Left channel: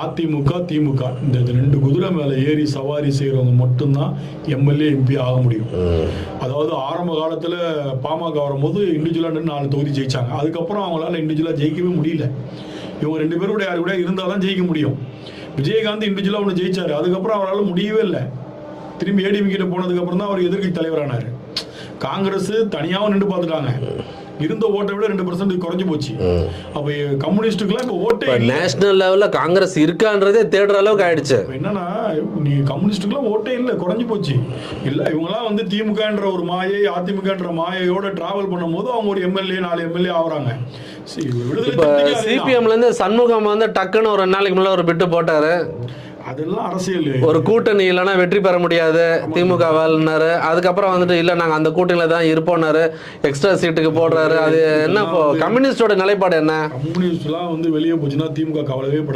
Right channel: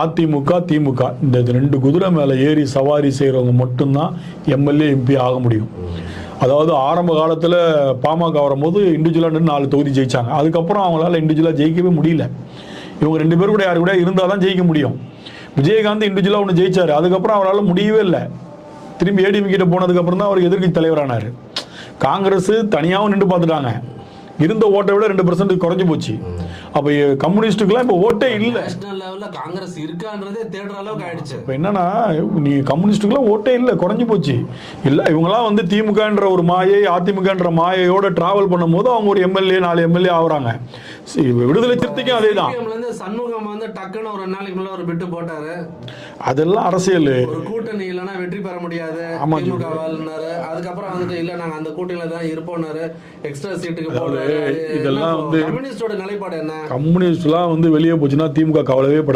அதிமுக திமுக. இந்த ரெண்டு குதிரை மேலே ஏறி சவாரி செய்கிறவங்க மட்டும்தான் எம்எல்ஏ எம்பி ஆக முடியும். அதாவது ஆரம்ப காலத்தில் பாமக வரும்போது இண்டிவிஜுவலாக நாலு தொகுதி ஜெயிச்சாங்க. அதுக்கப்புறம் அவங்களால இண்டிவிஜுவலாக ஜெயிக்கவே முடியல. இவங்க ரெண்டு பேரும் கூட யார் கூட இருந்தால் தான் ஜெயிக்க முடியும். விஜயகாந்த் இண்டிவிஜுவலாக ஒன்று ஜெயிச்சாரு. அதுக்கப்புறம் அவரால் முடியவே இல்லை. திரும்பி ஏடிஎம் கிட்ட போனதுக்கப்புறம் தான் அவர் எதிர்க்கட்சி தலைவரானார். காங்கிரஸ் தனியாகவும் நின்று பார்த்துட்டாங்க. இருந்த ஓட்டை விட ரெண்டு பர்சன்ட் குறைஞ்சு போச்சு. அப்போ கம்யூனிஸ்டுக்கெல்லாம் இப்போ ஓட்டே இல்லை. நேஷனல் லெவல்ல காங்கிரஸ் இருக்கான்றதே தேடுற அளவுக்கு ஆயிடுச்சு. என்னன்னா நீ கம்யூனிஸ்டுக்கெல்லாம் ஓட்டே இல்லை குறைஞ்சு போச்சு. இல்ல இவங்கெல்லாம் வந்து திமுகன்ற ஒரு மாயை அதிமுகன்ற மாயையோட டிராவல் பண்ணும்போது அவங்க ஒரு எம்எல்ஏ நாலு எம்எல்ஏ ஆகுறாங்க. விடுதலை. சிபிஎம்ல இருந்து சண்முகம் வந்து டக்குன்னு ஒரு நாளைக்கு முன்னாடி ஒரு பிட்டு போட்டாரு. அதெல்லாம் அரசியல். ஒரு கூட்டணி இல்லைன்னா வெற்றி பெற முடியாது. திமுக வாழ்னாரு அதுக்கப்புறம் வந்துட்டு இல்ல நாங்க அந்த கூட்டணியில தான் இருப்போம்னாரு. எக்ஸ்ட்ரா சீட்டுக்கு போடுறாரு. அது என்ன கம்யூனிஸ்டோட நிலைப்பாடு என்ன? கம்யூனிஸ்ட்லாம் வந்து வெளியே போச்சுன்னா திமுக கவலைவே படாது.